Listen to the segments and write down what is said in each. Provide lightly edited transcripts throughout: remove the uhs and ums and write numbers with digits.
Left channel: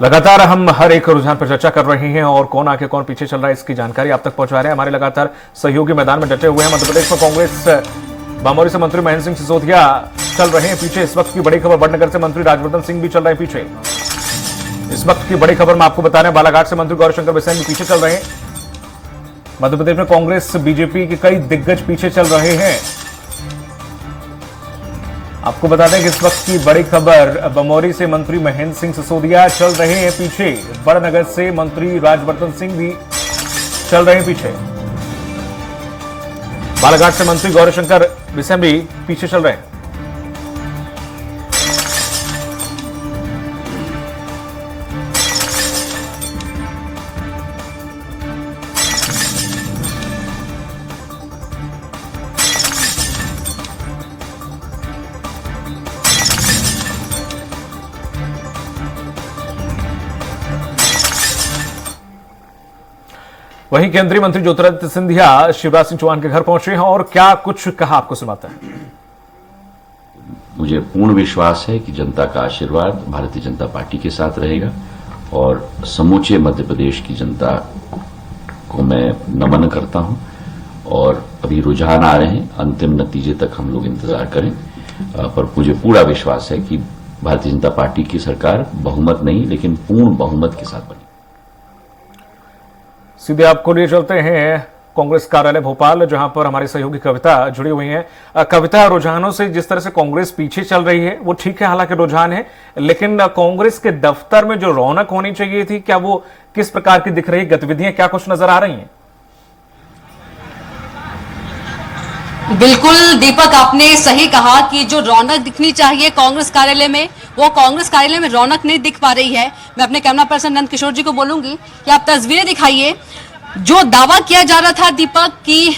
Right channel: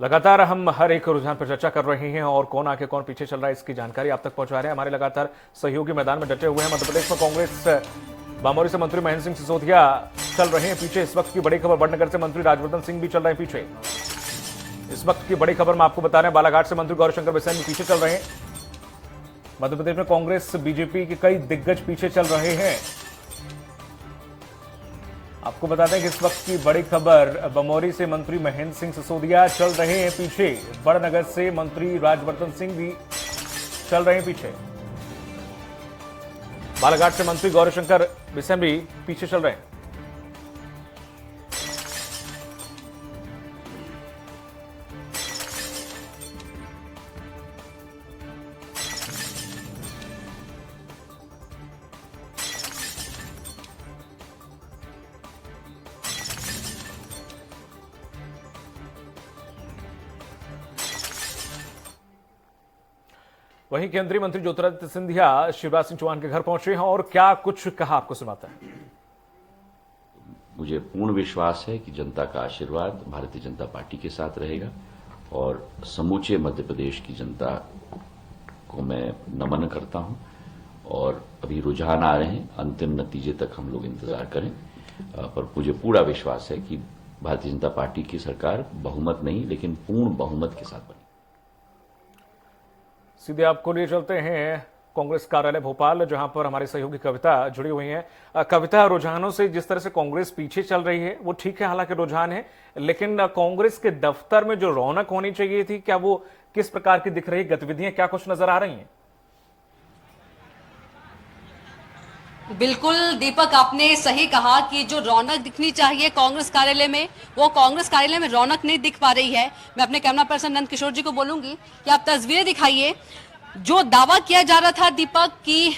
लगातार हम हर एक रुझान पर चर्चा कर रहे हैं और कौन आगे कौन पीछे चल रहा है इसकी जानकारी आप तक पहुंचा रहे हैं। हमारे लगातार सहयोगी मैदान में डटे हुए हैं। मध्य प्रदेश में कांग्रेस बमोरी से मंत्री महेंद्र सिंह सिसोदिया चल रहे हैं पीछे। इस वक्त की बड़ी खबर, बड़नगर से मंत्री राजवर्धन सिंह भी चल रहे हैं पीछे। इस वक्त की बड़ी खबर मैं आपको बता रहे हैं, बालाघाट से मंत्री गौरीशंकर बिसेन भी पीछे चल रहे हैं। मध्य प्रदेश में कांग्रेस बीजेपी के कई दिग्गज पीछे चल रहे हैं। आपको बता दें कि इस वक्त की बड़ी खबर, बमोरी से मंत्री महेंद्र सिंह सिसोदिया चल रहे हैं पीछे। बड़नगर से मंत्री राजवर्धन सिंह भी चल रहे हैं पीछे। बालाघाट से मंत्री गौरीशंकर बिसेन भी पीछे चल रहे हैं। वहीं केंद्रीय मंत्री ज्योतिरादित्य सिंधिया शिवराज सिंह चौहान के घर पहुंचे हैं और क्या कुछ कहा आपको सुनाते हैं। मुझे पूर्ण विश्वास है कि जनता का आशीर्वाद भारतीय जनता पार्टी के साथ रहेगा और समूचे मध्य प्रदेश की जनता को मैं नमन करता हूं। और अभी रुझान आ रहे हैं, अंतिम नतीजे तक हम लोग इंतजार करें, पर मुझे पूरा विश्वास है कि भारतीय जनता पार्टी की सरकार बहुमत नहीं लेकिन पूर्ण बहुमत के साथ बनी। सीधे आपको लिए चलते हैं कांग्रेस कार्यालय भोपाल, जहां पर हमारी सहयोगी कविता जुड़ी हुई हैं। कविता, रुझानों से जिस तरह से कांग्रेस पीछे चल रही है वो ठीक है, हालांकि रुझान है, लेकिन कांग्रेस के दफ्तर में जो रौनक होनी चाहिए थी, क्या वो किस प्रकार की दिख रही गतिविधियां, क्या कुछ नजर आ रही हैं? बिल्कुल दीपक, आपने सही कहा कि जो रौनक दिखनी चाहिए कांग्रेस कार्यालय में, वो कांग्रेस कार्यालय में रौनक नहीं दिख पा रही है। मैं अपने कैमरा पर्सन नंद किशोर जी को बोलूंगी कि आप तस्वीरें दिखाइए। जो दावा किया जा रहा था दीपक कि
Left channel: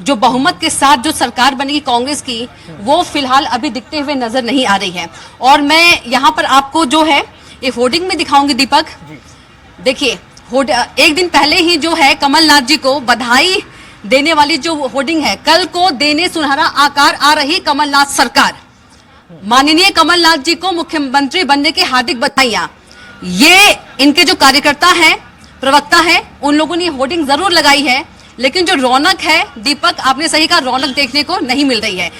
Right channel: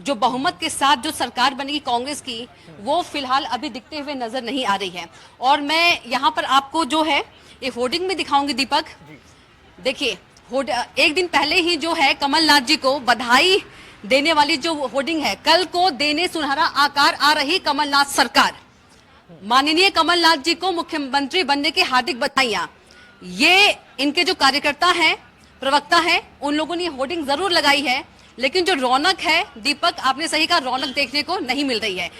जो बहुमत के साथ जो सरकार बनेगी कांग्रेस की, वो फिलहाल अभी दिखते हुए नजर नहीं आ रही है। और मैं यहाँ पर आपको जो है ये होर्डिंग में दिखाऊंगी दीपक। देखिए, एक दिन पहले ही जो है कमलनाथ जी को बधाई देने वाली जो होर्डिंग है, कल को देने सुनहरा आकार आ रही कमलनाथ सरकार, माननीय कमलनाथ जी को मुख्यमंत्री बनने की हार्दिक बधाइयां। ये इनके जो कार्यकर्ता हैं, प्रवक्ता हैं, उन लोगों ने होर्डिंग जरूर लगाई है, लेकिन जो रौनक है दीपक, आपने सही कहा, रौनक देखने को नहीं मिल रही है।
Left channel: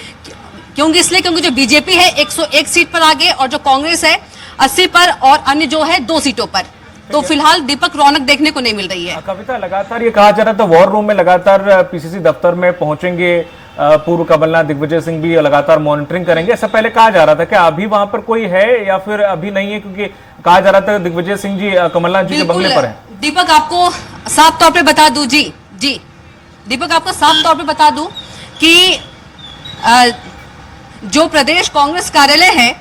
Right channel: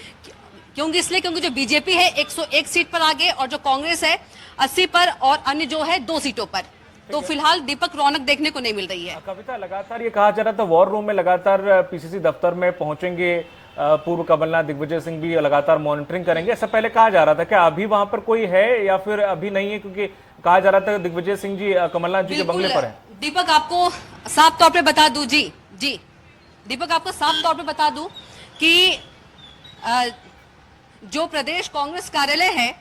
क्योंकि जो बीजेपी है 101 सीट पर आगे और जो कांग्रेस है 80 पर और अन्य जो है 2 सीटों पर, तो फिलहाल दीपक रौनक देखने को नहीं मिल रही है। कविता, लगातार ये कहा जा रहा था वॉर रूम में लगातार पीसीसी दफ्तर में पहुंचेंगे पूर्व कमलनाथ, दिग्विजय सिंह भी लगातार मॉनिटरिंग करेंगे, ऐसा पहले कहा जा रहा था। क्या अभी वहां पर कोई है या फिर अभी नहीं है? क्योंकि कहा जा रहा था दिग्विजय सिंह जी कमलनाथ जी के बंगले पर हैं। दीपक, आपको साफ तौर पे बता दूं जी दीपक, आपको साफ तौर पे बता दूं कि जो प्रदेश कांग्रेस कार्यालय है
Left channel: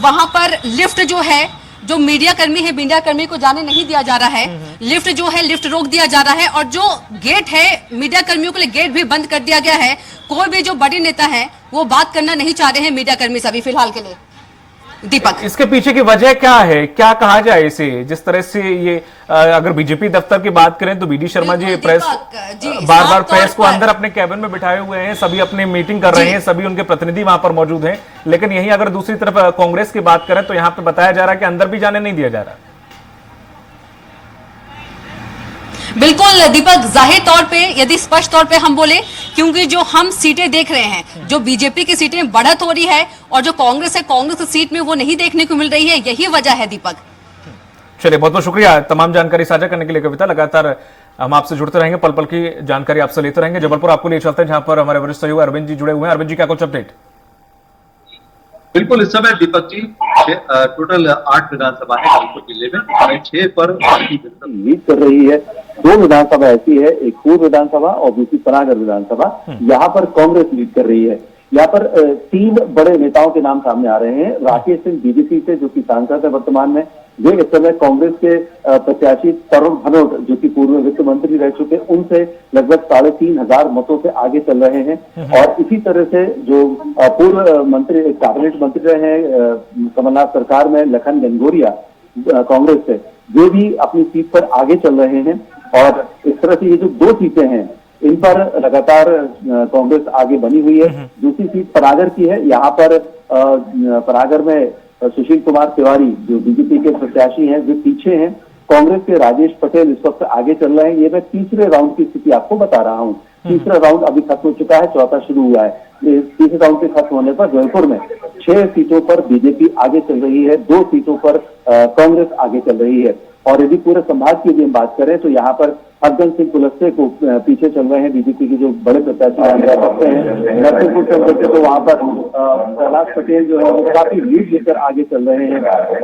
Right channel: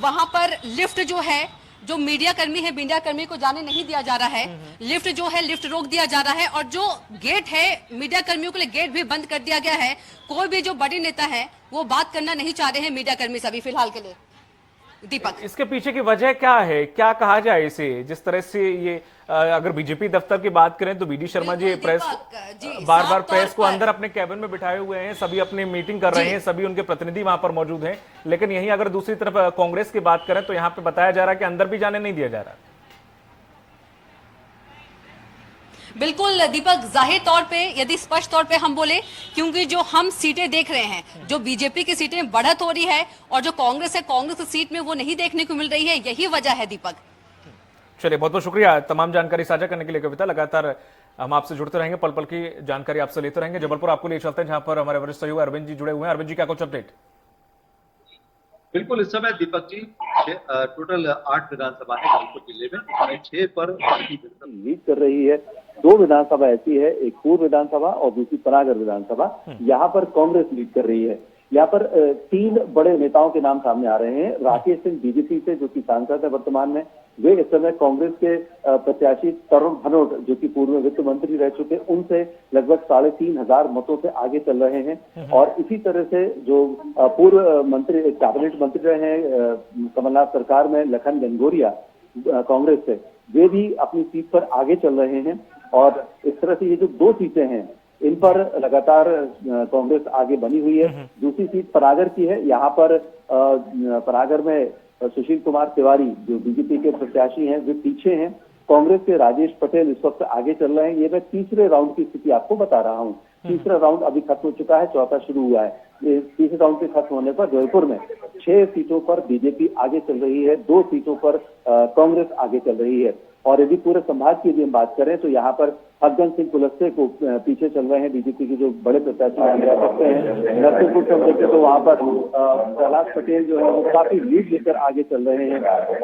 वहां पर लिफ्ट जो है, जो मीडिया कर्मी है, मीडिया कर्मी को जाने नहीं दिया जा रहा है। लिफ्ट जो है, लिफ्ट रोक दिया जा रहा है और जो गेट है, मीडिया कर्मियों के लिए गेट भी बंद कर दिया गया है। कोई भी जो बड़े नेता है वो बात करना नहीं चाह रहे हैं मीडिया कर्मी से अभी फिलहाल के लिए। दीपक, इसके पीछे की वजह क्या है, क्या कहा जाए इसे? जिस तरह से ये अगर बीजेपी दफ्तर की बात करें तो बीडी शर्मा जी प्रेस बार बार प्रेस को अंदर अपने कैबिन में बिठाए हुए हैं, सभी अपनी मीटिंग कर रहे हैं, सभी उनके प्रतिनिधि वहां पर मौजूद हैं। लेकिन यही अगर दूसरी तरफ कांग्रेस की बात करें तो यहाँ पे बताया जा रहा है कि अंदर भी जाने नहीं दिया जा रहा। बिल्कुल दीपक, जाहिर तौर पे यदि स्पष्ट तौर पे हम बोले, क्योंकि जो हम सीटें देख रहे हैं, जो बीजेपी की सीटें बढ़त हो रही है और जो कांग्रेस है, कांग्रेस की सीट में वो नहीं देखने को मिल रही है, यही वजह है दीपक। चलिए, बहुत बहुत शुक्रिया तमाम जानकारी साझा करने के लिए कविता। लगातार हम आपसे जुड़ते रहेंगे, पल पल की जानकारी आपसे लेते रहेंगे। जबलपुर आपको लिए चलते हैं, जहां पर हमारे वरिष्ठ सहयोगी अरविंद जी जुड़े हुए हैं। अरविंद जी, क्या कुछ अपडेट? बिल्कुल, इस समय दीपक जी टोटल 8 विधानसभा है जबलपुर जिले में, 6 पर भारतीय जनता लीड कर रही है। 2 विधानसभा ऐसी है, एक पूर्व विधानसभा और दूसरी पनागर विधानसभा, यहाँ पर कांग्रेस लीड कर रही है। यहाँ पर 3 बड़े नेताओं के नाम सामने आ रहे हैं। राकेश सिंह बीजेपी से, जो कि सांसद है वर्तमान में, वे इस समय कांग्रेस के प्रत्याशी तरुण भनोट, जो कि पूर्व वित्त मंत्री रह चुके, उनसे लगभग 3500 मतों से आगे चल रहे हैं। और इसी तरह से जो पूर्व मंत्री, कैबिनेट मंत्री रहे हैं कमलनाथ सरकार में, लखन गंगोरिया कांग्रेस से, वे भी अपनी सीट पर आगे चल रहे हैं। और इस तरह से ये जो 2 सीटें हैं, इन पर लगातार कांग्रेस आगे बनी हुई है। दूसरी सीट पनागर की है, यहाँ पर परागर में सुशील कुमार तिवारी जो बीजेपी के प्रत्याशी हैं वे पीछे हैं। कांग्रेस के राजेश पटेल इस वक्त आगे चल रहे हैं। ये मैं तीसरे राउंड की स्थिति आपको बता रहा हूँ। तीसरा राउंड अभी खत्म हो चुका है, चौथा शुरू हुआ है। तीसरे राउंड के खत्म होने पर जयपुर में 6 सीटों पर बीजेपी आगे चल रही है, 2 सीटों पर कांग्रेस आगे चल रही है। और यदि पूरे संभाग की यदि हम बात करें तो यहाँ पर हरजन सिंह कुलस्ते को पीछे चल रहे हैं बीजेपी के जो बड़े प्रत्याशी करते हैं। नरसिंहपुर से देखें तो वहाँ पर प्रहलाद पटेल जो है वो काफी लीड लेकर आगे चल रहे हैं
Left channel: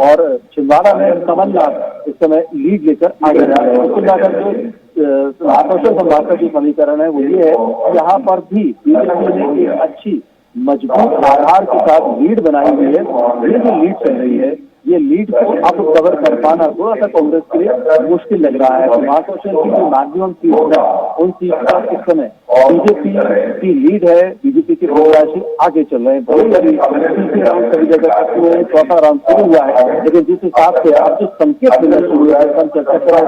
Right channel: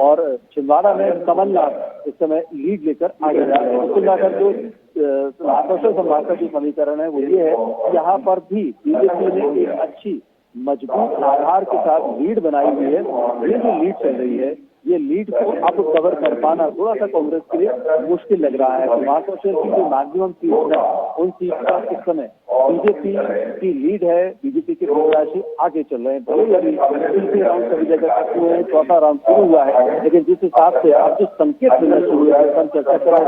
और छिंदवाड़ा में कमलनाथ इस समय लीड लेकर आगे जा रहे हैं। चिंताकर जो आकर्षण संभाग का जो समीकरण है वो ये है, यहाँ पर भी बीजेपी ने एक अच्छी मजबूत आधार के साथ लीड बनाई हुई है। ये जो लीड चल रही है ये लीड को अब कवर कर पाना थोड़ा सा कांग्रेस के लिए मुश्किल लग रहा है। महासोशल की जो मैक्सिमम सीट है उन सीट का इस समय बीजेपी की लीड है। बीजेपी के प्रत्याशी आगे चल रहे हैं। तीसरे राउंड सभी जगह तक हुए हैं, चौथा राउंड शुरू हुआ है। लेकिन जिस हिसाब से अब जो संकेत मिलना शुरू हुआ है, हम चर्चा करें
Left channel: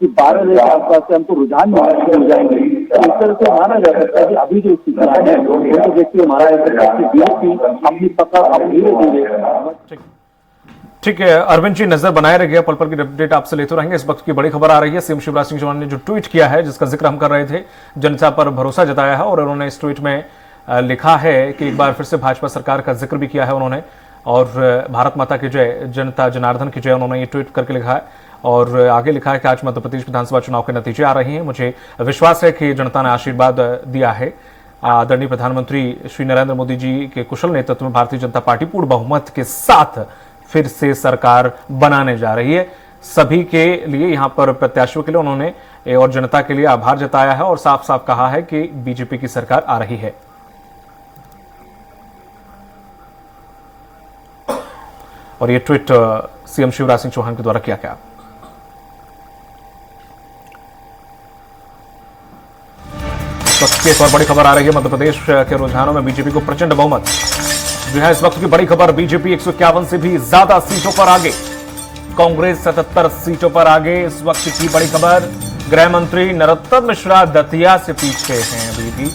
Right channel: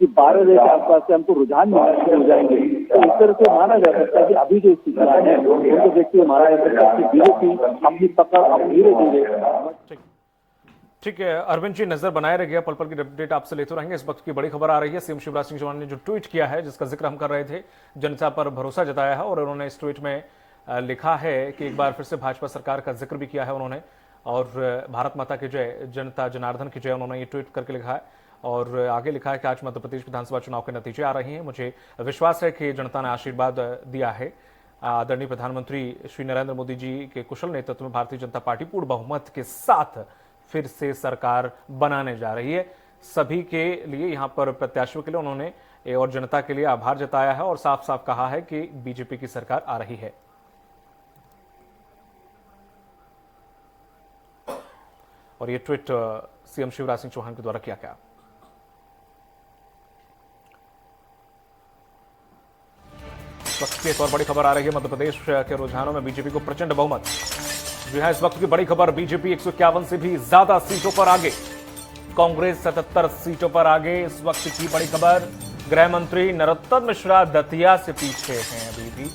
कि 12 बजे के आसपास से हमको रुझान मिलना शुरू हो जाएंगे, तो इस तरह से माना जा सकता है कि अभी जो स्थिति है उनको देखते हुए माना जा सकता है कि बीजेपी अपनी पकड़ अब धीरे धीरे। ठीक है अरविंद जी, नजर बनाए रहिए, पल पल की अपडेट आपसे लेते रहेंगे। इस वक्त की बड़ी खबर आ रही है, सीएम शिवराज सिंह चौहान ने जो ट्वीट किया है जिसका जिक्र हम कर रहे थे, जनता पर भरोसा जताया है और उन्होंने इस ट्वीट में लिखा है कि एक बार फिर से भाजपा सरकार का जिक्र भी किया है उन्होंने और भारत माता की जय, जनता जनार्दन की जय, उन्होंने ये ट्वीट करके लिखा है और आगे लिखा है कि आज मध्य प्रदेश विधानसभा चुनाव के नतीजे आ रहे हैं। मुझे विश्वास है कि जनता ने आशीर्वाद दिया है। आदरणीय प्रधानमंत्री श्री नरेंद्र मोदी जी के कुशल नेतृत्व में भारतीय जनता पार्टी पूर्ण बहुमत के साथ फिर से सरकार बनाने जा रही है। सभी के लिए यहां पर प्रत्याशियों के लिए उन्होंने और जनता के लिए आभार जताया है और साफ साफ कहा है कि बीजेपी की सरकार आ रही है। और ये ट्वीट सीएम शिवराज सिंह चौहान के द्वारा किया गया। तो इस पर बड़ी खबर आ रही है, मध्य प्रदेश के रुझानों में बीजेपी को प्रचंड बहुमत जो है। इस वक्त की बड़ी खबर, बीजेपी 151 से भी ज्यादा सीटों पर आगे, कांग्रेस 77 सीटों पर आगे। इस वक्त की बड़ी खबर, गृह मंत्री नरोत्तम मिश्रा दतिया से पीछे हैं अभी भी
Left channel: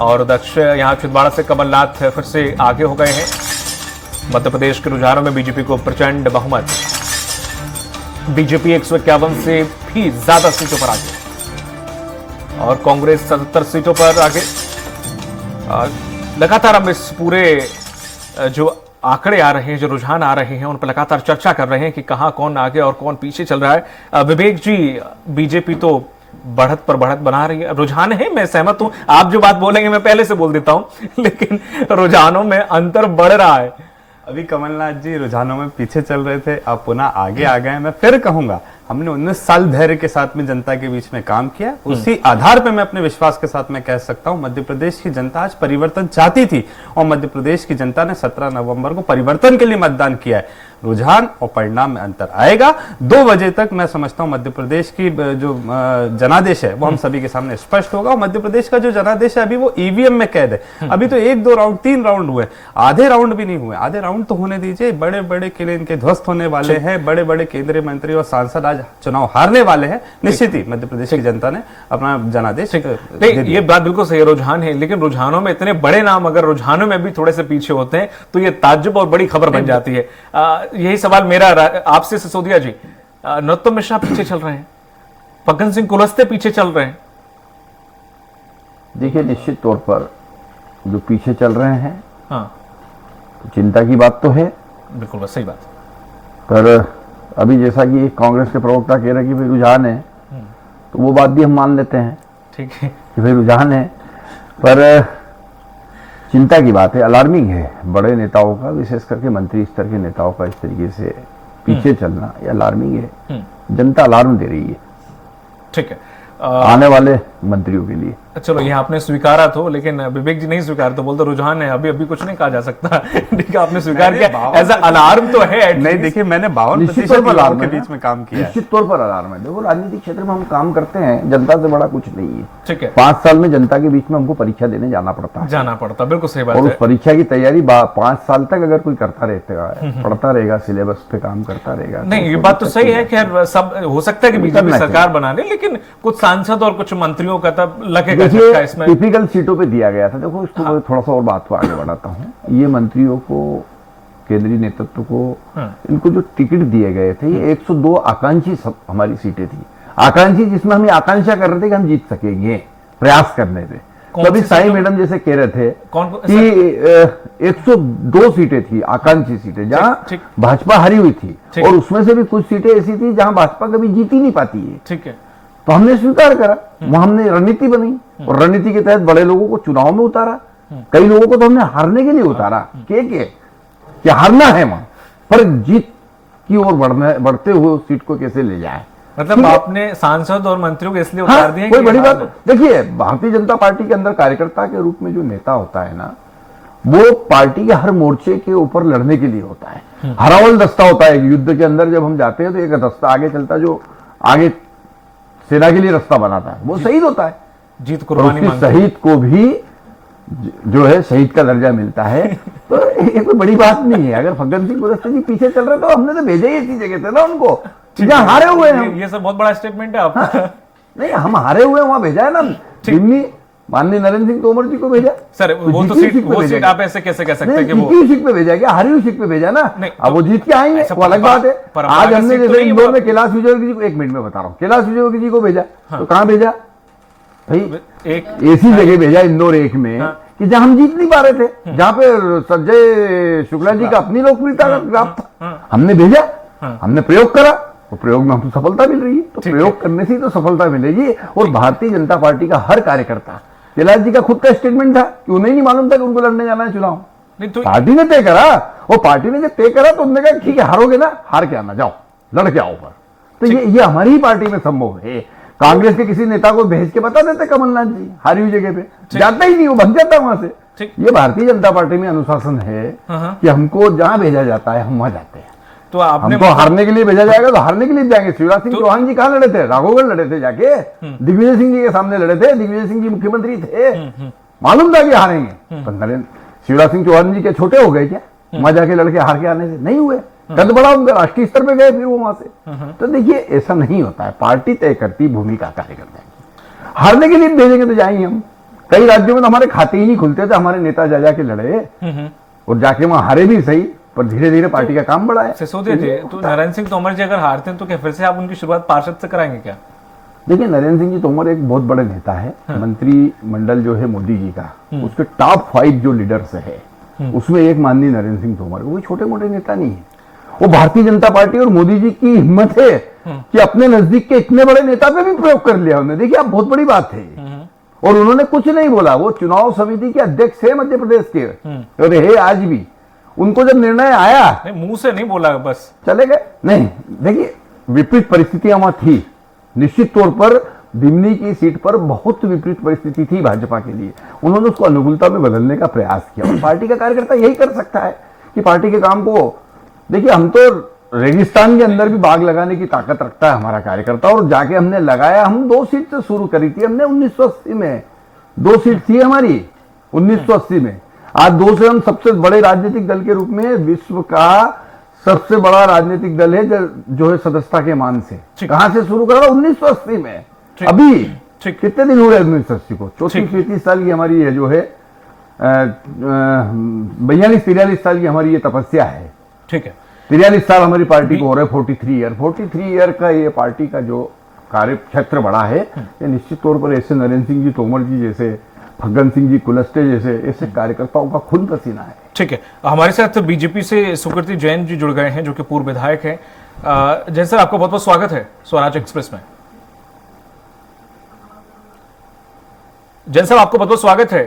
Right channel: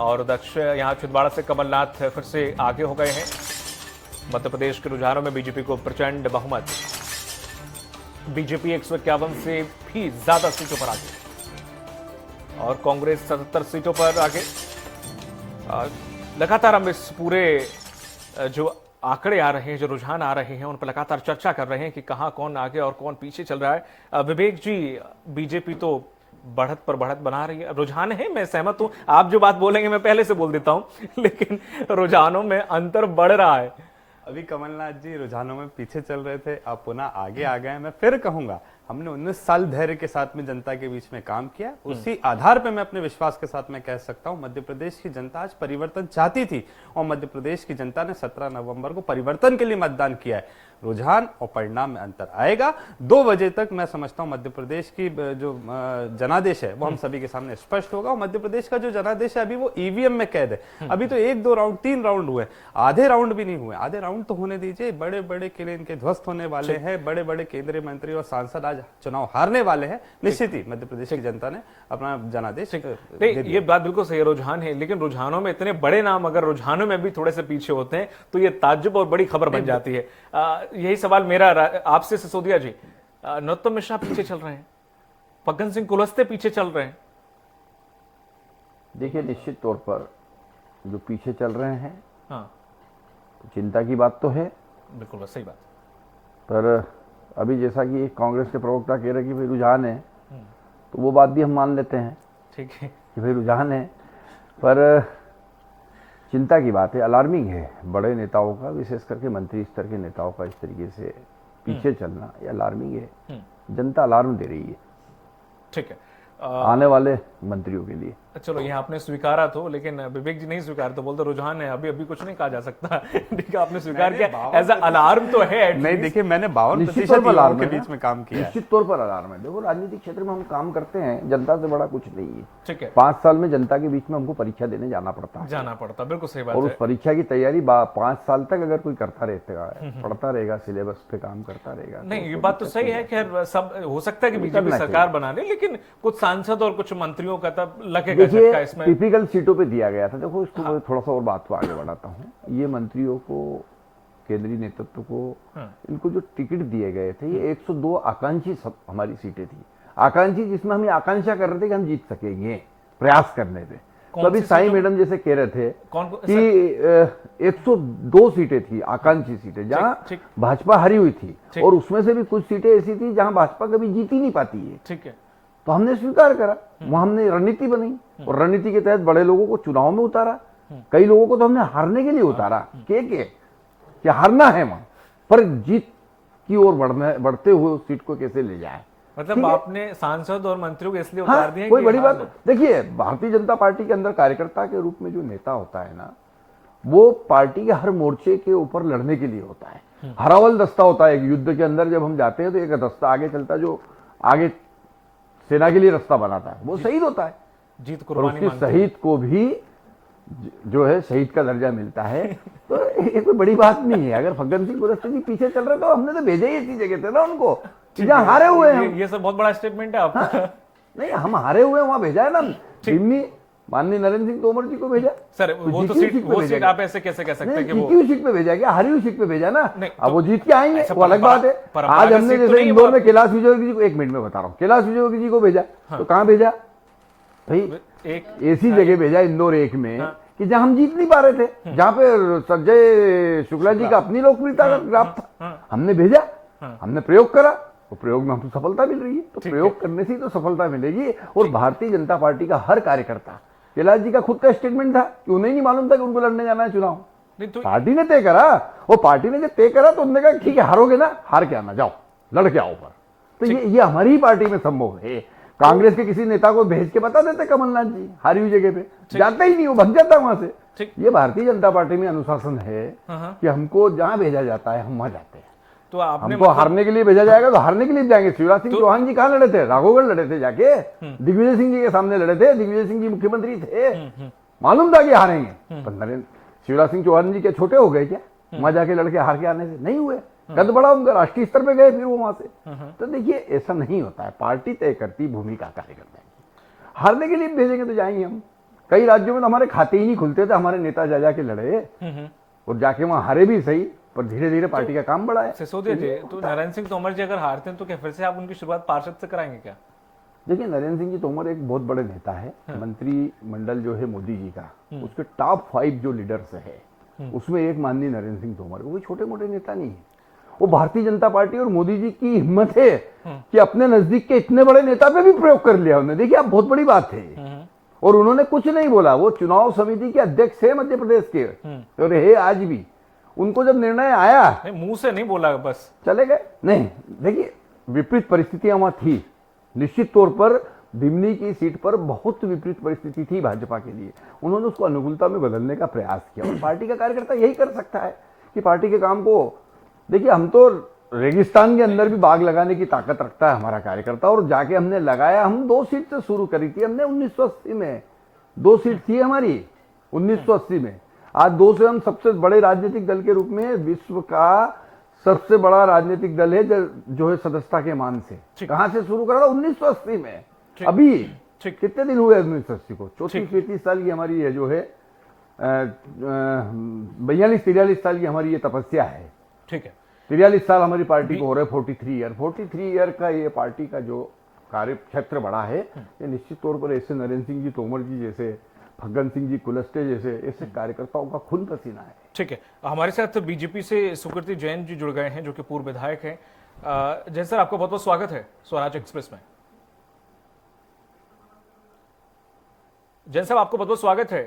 और यहां छिंदवाड़ा से कमलनाथ फिर से आगे हो गए हैं। मध्य प्रदेश के रुझानों में बीजेपी को प्रचंड बहुमत, बीजेपी 151 से भी ज्यादा सीटों पर आगे और कांग्रेस 77 सीटों पर आगे। लगातार हम इस पूरे जो आंकड़े आ रहे हैं, जो रुझान आ रहे हैं, उन पर लगातार चर्चा कर रहे हैं कि कहां कौन आगे और कौन पीछे चल रहा है। विवेक जी, बीजेपी तो बढ़त पर बढ़त बना रही है, रुझान है, मैं सहमत हूं, आप जो बात बोलेंगे मैं पहले से बोल देता हूं, लेकिन रुझानों में अंतर बढ़ रहा है। अभी कमलनाथ जी रुझानों में पीछे चल रहे थे, अब पुनः आगे आ गए। मैं फिर कहूंगा, हमने 19 साल धैर्य के साथ में जनता के बीच में काम किया, उसी आधार पर मैं अपने विश्वास के साथ में कह सकता हूं मध्य प्रदेश की जनता आज परिवर्तन चाहती थी और मध्य प्रदेश की जनता ने 17 नवंबर को परिवर्तन के लिए मतदान किया है। रुझान और परिणाम में अंतर आएगा। 2 बजे तक मैं समझता हूं मध्य प्रदेश की जो जनादेश है वो हम सभी के सामने स्पष्ट होगा। और मध्य प्रदेश का जो जनादेश है अभी वो ईवीएम में कैद है। अभी तो 1, 2 राउंड, 3 राउंड हुए, आधे राउंड भी नहीं हुए। आधे राउंड तो होने दीजिए। बड़े बड़े किले इनके ध्वस्त होने वाले हैं, बड़े बड़े केंद्रीय मंत्री और सांसद आज चुनाव हारने वाले हैं। निश्चित ही मध्य प्रदेश की जनता ने अपना जनादेश नहीं, ये बात बिल्कुल सही, रुझान है, लेकिन रुझानों में इतने बड़े नाम अगर रुझानों में भी थोड़े से पीछे होते हैं तो ये ताज्जुब और बड़ी खबर बन जाती है। यही सवाल मेरा आपसे सिसोदिया जी, नरोत्तम मिश्रा पीछे चल रहे हैं, फग्गन सिंह कुलस्ते पीछे चल रहे हैं। देखिए, निश्चित तौर पर जो पीछे चल रहे हैं, हाँ, तो चिंता की बात तो है, बिल्कुल सही बात। पर अभी जैसा कि कांग्रेस के प्रवक्ता कह रहे हैं कि भाई रुझान है, तो वो बात भी हम मान लेते हैं, ठीक है, कि भाई रुझान है, पर चिंता की बात है, अलार्मिंग है। बड़े नेताओं का, विशेष करके मंत्री स्तर के नेताओं का इस तरीके से पीछे चलना ये अलार्मिंग है। जनता अलार्म दे रही है, ठीक है, आने वाले मंत्रियों के लिए। चलो, ये आपने स्वीकारा तो, लेकिन विवेक जी नहीं स्वीकार तो बोलते रुझान है, अभी कुछ नहीं कहा जा सकता। ठीक है, आपने स्वीकार किया, ऐसा अलार्म तो है। नहीं, देखिए, मैंने 52% अलार्म के बीच में काम किया, निश्चित तौर पर अलार्म है। देखो, राजनीतिक क्षेत्र में हम काम करते हैं, जनता से बड़ा कुछ नहीं है, ठीक है। 5 साल में जनता के बीच में हमको परीक्षा देने जाना पड़ता, बिल्कुल सही बात है। और है। उस परीक्षा की तैयारी 5 साल तक अगर कोई करता रहेगा, पढ़ता रहेगा, सिलेबस पे काम करता रहेगा, नहीं, ये बात तो सही है। खैर, सब हो सकता है कि बीजेपी सरकार बनाने, लेकिन कुछ सांसद और कुछ मंत्रियों का तब लगेगा देखिए झटका इसमें? टिपिकल सीटों पे दिया गया था। देखो इसको मैं थोड़ा सा और बात को आगे बढ़ाता हूँ। ये मंत्रियों को, केंद्रीय नेतृत्व को, इनको जो टिकट दिए गए थे ये 102 आकांक्षी हमारी सीटें थी। आकांक्षी जिसमें हम ये आकांक्षा कर रहे थे कि हम जीत सकेंगे, प्रयास करने थे। तभी साई मैडम जैसे कह रहे थे कि 102 सीटें थी आकांक्षी सीटें, जहां भाजपा हारी हुई थी, और उसमें से भी कुछ सीटें ऐसी थी जहां भाजपा कभी जीत ही नहीं पाती है। ठीक है, तो हमने स्वीकार करा, वहां हमने रणनीति बनाई, और रणनीति के तहत बड़े लोगों को चुनाव में उतारा। कई लोगों को तो हमने हारने के लिए उतारा, कि हारना है वहां, पर जीत की ओर बढ़ते हुए सीट को कैसे ले जाए। मतलब आपने सांसद और मंत्रियों को इसलिए उतार दिए? कोई बड़ी बात देखिए, भारतीय जनता पार्टी के अंदर कार्यकर्ता के रूप में जो नेता होता है ना, वो पार्टी के हर मोर्चे के ऊपर लड़ने के लिए होता है। हरावल दस्ता होता है। युद्ध के अंदर जब हम जाते हैं तो एक दस्ता आगे चलता है, जो आगे सेना के लिए रास्ता बनाता है, वो शहीद होता है। जीत कुर्बानी शहीद को भी जो है शहीद का दर्जा मिलता है। तो ये कोई बड़ी बात नहीं है। अगर फग्गन सिंह कुलस्ते जी पीछे चल रहे तो हमने तो भेजा ही ऐसी जगह थे ना उनको, जहां हारे हुए हैं। ये सब बहुत बड़ा स्टेटमेंट है आपका। नहीं, हम हारे हुए वहां भेजा है ना। दिल्ली माननीय नरेंद्र सिंह तोमर जी को भेजा। सर वो तो सीट आप ऐसे कैसे कह सकते हैं कि वो सीट पे भेजा गया, हारी हुई सीट पे भेजा ना। अब वो जीत के आएंगे, वो अलग बात है। पर आज हमने जैसे इंदौर में कैलाश विजयवर्गीय जी को, 1 मिनट में बता रहा हूँ, कैलाश विजयवर्गीय जी को भेजा, तो कहां भेजा भाई? एक ऐसी जगह भेजा इंदौर 1 में कि जहां हम जीत नहीं पा रहे थे, जहां पे संजय शुक्ला जी का अपनी लोकप्रियता का ग्राफ था। हमने भेजा, हमने प्रयोग करा, तो प्रयोग में हमको सफलता मिल रही है। तो प्रयोग करने से ही तो सफलता मिलेगी। और भारतीय जनता पार्टी का हर कार्यकर्ता, कैलाश जी का खुद का स्टेटमेंट था कि उन्हें नहीं मालूम था कि उनको लड़ने जाना है चुनाव। पार्टी ने तय करा, वो पार्टी ने जब तय करा तो उन्होंने कहा ठीक है, हारोगे ना, हार के आना, जाओ लड़ के आओ। पर तो ये हमारी ही पार्टी में संभव है। कांग्रेस के किसी नेता को भेज के बता देते कमलनाथ जी हारी हुई जगह पे, जाता ही नहीं, वो भग जाता वहां से। ये भारतीय जनता पार्टी में अनुशासन है कि हमको जहां भेजा जाता है हम वहां जाते हैं। तो आपने हमको हारने के लिए भेजा जाएगा तो हारने के लिए जाएंगे। शिवराज सिंह चौहान जी कहां लड़े थे? राघवगढ़ लड़े थे जाके, दिग्विजय सिंह जी के सामने लड़े थे। दिग्विजय सिंह जी मुख्यमंत्री थे, मालूम था कि हारेंगे। तो नरेंद्र शिवराज सिंह चौहान जी के छोटे हो गए क्या वहां जाके लड़के हार के आने से? नहीं हुए, कद बड़ा उनका, राष्ट्रीय स्तर पे गए फिर वो वहां से। तो देखिए ऐसा नहीं होता है, पार्टी तय करती भूमिका कार्यकर्ता की। हारने के लिए भेजेंगे तो जाएंगे हम। कई राज्यों में तो हमारे खाते ही नहीं खुलते थे, हमारे नेता जा जाके लड़े और जाके वहां हारे भी सही, पर धीरे धीरे पार्टी का काम बढ़ा है। सिसोदिया जी, तो नरेंद्र सिंह तोमर जी अगर हारते हैं तो क्या फिर से आप उनकी शुरुआत पार्षद से कराएंगे क्या? देखिए नरेंद्र सिंह जी तोमर एक बहुत बड़े नेता है। मंत्रिमंडल जो है मोदी जी का, उसके टॉप 5 जो लीडर्स है उसमें एक माननीय नरेंद्र सिंह तोमर, वो छोटे मोटे नेता नहीं है। वो भारतीय जनता पार्टी और मोदी जी की हिम्मत है कि अपने नजदीक के इतने बड़े नेता पे भी प्रयोग कर लिया उन्होंने। देखिए अब बहुत बड़ी बात है। और उन्होंने कुछ नहीं बोला, वो चुनाव समिति के अध्यक्ष है मध्य प्रदेश के, और है आज भी। उनको जब निर्णय आया, मुंह से नहीं बोला, बस चले गए। नहीं, देखिए विपरीत परिस्थितियां वहां थी, निश्चित तौर पर दिमनी की सीट पर बहुत विपरीत परिस्थिति थी भाजपा के लिए। उन्होंने उसको अनुकूलता में बदलने का प्रयास किया। पार्टी का कार्यकर्ता यही कर सकता है कि पार्टी के काम को, देखिए हम तो रेगिस्तान के अंदर भी बाग लगाने की ताकत रखता है हमारा कार्यकर्ता, और जाके हमने लगाया। हम 2 सीट से शुरू करी थी हमने 1980 में, 2 सीट थी हमारी 1980 में। आज 2 से हम सबसे बड़े राजनीतिक दल के रूप में, विश्व का सबसे बड़ा राजनीतिक दल है जो है सदस्यता के मान से। कहां से शुरू करा? 1980 में। अभी कितने दिन हुए 1980 को? 34-35 साल की हमारी ये जो है 42-43 साल की हमारी ये तपस्या है। ठीक है, 43 साल हमारी पार्टी को हो रहे, 43 ईयर का ये पार्टी का जो कार्य क्षेत्र बड़ा है, ये निश्चित तौर पर ऐसे नरेंद्र सिंह जी तोमर जी जैसे, फग्गन सिंह जी कुलस्ते जैसे ऐसे कार्यकर्ताओं का खून पसीना है। ठीक है, हमारे साथ बीजेपी से सुकृति जैन जी जुड़ गए हैं, जो कि पूर्व विधायक हैं। जैन सर, आपका बहुत बहुत स्वागत है स्वराज एक्सप्रेस में। जैन साहब, आपको बहुत बहुत स्वागत है